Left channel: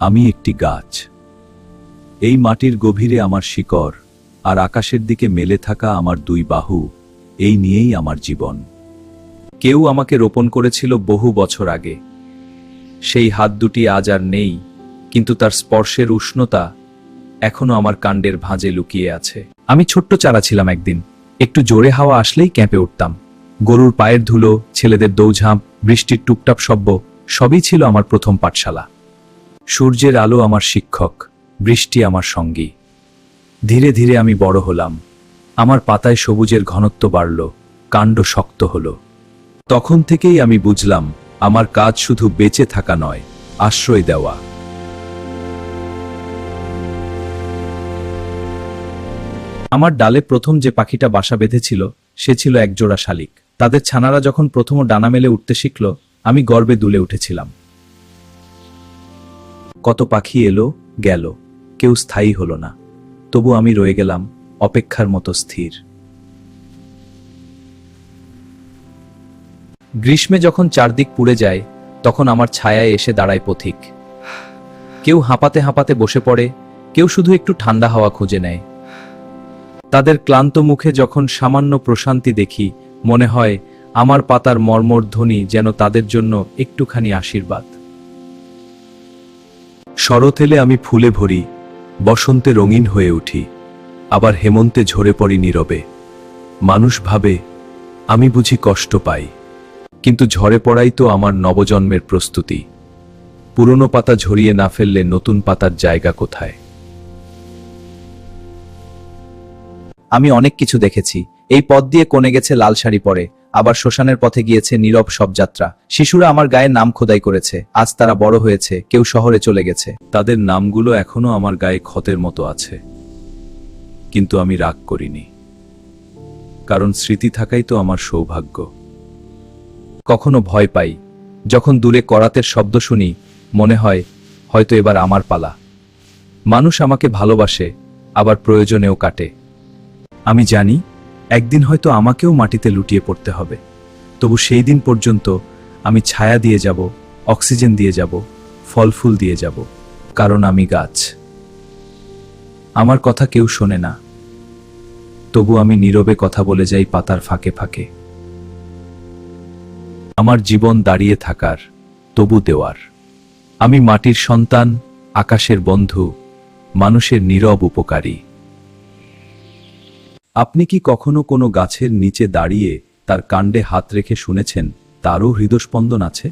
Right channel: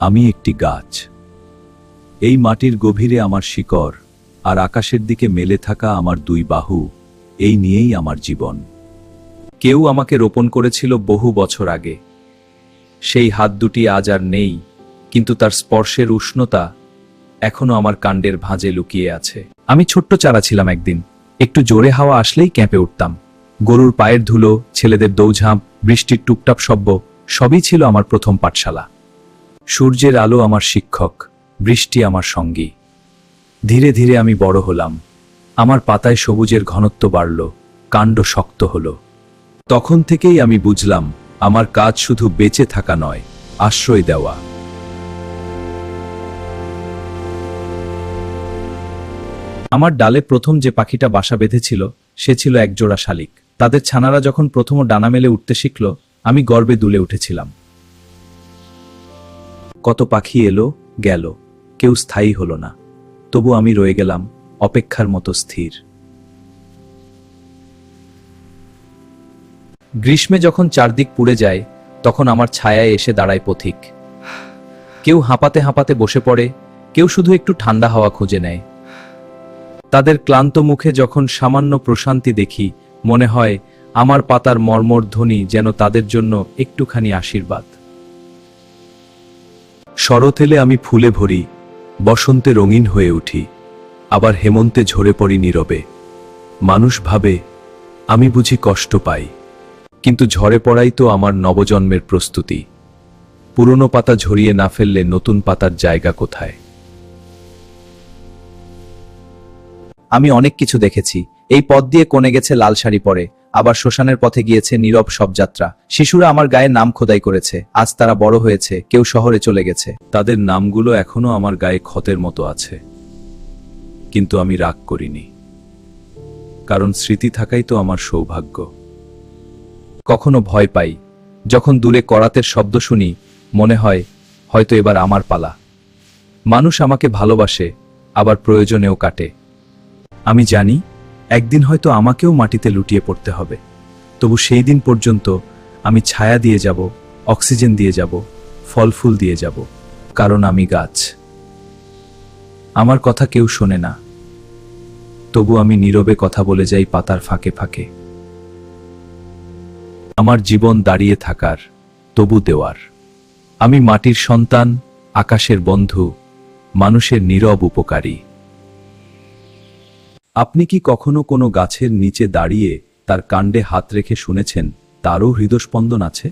আমি একটি গাছ। এই মাটির গভীরে আমার শিকড়, আর আকাশের দিকে মেলে থাকা আমার দুই বাহু, এই নিয়েই আমার জীবন। কেউ আমাকে রোপণ করেছিল বহু বছর আগে। সেই হাত দুটি আজ আর নেই, কিন্তু তার স্পর্শের উষ্ণতা এখনো আমার কাণ্ডের ভাঁজে লুকিয়ে আছে। আমি ছোট্ট চারা ছিলাম একদিন। একটু জোরে হাওয়া আসলেই কেঁপে উঠতাম। গরুর পায়ের ধুলো, ছেলেদের দৌঝাঁপ, বৃষ্টির টুপটাপ শব্দ, সবই ছিল আমার প্রথম পাঠশালা। সূর্যের আলো আমার শিক্ষক, বৃষ্টি আমার সঙ্গী। ধীরে ধীরে আমি বড় হলাম। আমার পাতায় সবুজের ঘনত্ব বাড়ল, কাণ্ড শক্ত হলো। তখন থেকেই আমি বুঝলাম, আমার কাজ শুধু বেঁচে থাকা নয়, আশ্রয় দেওয়া। আমার ডালে প্রথম যে পাখিটা বাসা বেঁধেছিল, সে ছিল একজোড়া শালিক। তাদের ছানারা যখন প্রথম ডানা মেলে উঠতে শিখল, আমি গর্বে দুলে উঠেছিলাম। কত পাখি এলো গেল, কেউ স্থায়ী হলো না, তবু আমি রয়ে গেলাম অপেক্ষার মতো স্থির। গ্রীষ্মে যখন চারদিক পুড়ে যায়, তখন আমার ছায়ায় এসে দাঁড়ায় পথিক। কেউ হাঁপাতে হাঁপাতে বসে পড়ে, কেউ শুধু একটু ঠান্ডা হাওয়া খুঁজে নেয়। তাদের ক্লান্ত মুখে যখন সামান্য প্রশান্তি দেখি, মনে হয় আমার পাতার মর্মর ধ্বনি যেন তাদের জন্য একটুখানি আশীর্বাদ। শরৎ এলে আমি ফুলে ভরি, বসন্তে রঙিন হয়ে উঠি, আবার হেমন্তে ঝরে পড়ি নীরবে। মানুষ ভাবে আমি বুঝি কষ্ট পাই, কিন্তু ঝরে পড়াই তো আমার নবজন্মের প্রস্তুতি। পুরনো পাতা ঝরিয়ে না ফেললে নতুন পাতার জায়গা কোথায়? আমি অনেক কিছু দেখেছি। এই পথ দিয়ে কোণে গেছে লাল শাড়ি পরে, আবার শ্মশানের পথে গিয়েছে নীরব সব যাত্রা। শিশুরা আমার গায়ে নাম খোদাই করেছে, আজ তারা বড় হয়েছে, কেউ শহরে চলে গেছে। তাদের নামগুলো এখনো আমার গায়ে ক্ষতের মতো আছে, কিন্তু আমি রাগ করিনি, কারণ স্মৃতি থাকাই তো আমার সৌভাগ্য। কখনো ভয় পাই, যখন দূরে করাতের শব্দ শুনি, মনে হয় হয়তো এবার আমার পালা। মানুষ আমাকে ভালোবাসে, আবার প্রয়োজনেও কাটে। আমি জানি একদিন হয়তো আমাকেও মাটিতে লুটিয়ে পড়তে হবে, তবু সেই দিন পর্যন্ত আমি ছায়া দিয়ে যাব, অক্সিজেন দিয়ে যাব, ফল ফুল দিয়ে যাব, কারণ আমি গাছ। আমার কথা কেউ শোনে না, তবু আমি নীরবে কথা বলে যাই পাতার ফাঁকে ফাঁকে। আমার জীবন দাঁড়িয়ে থাকার, তবু দেওয়ার। আমি মাটির সন্তান, আকাশের বন্ধু, মানুষের নীরব উপকারী। আপনি কি কখনো কোনো গাছের নিচে দাঁড়িয়ে তার কাণ্ডে হাত রেখে শুনেছেন তারও হৃদস্পন্দন আছে?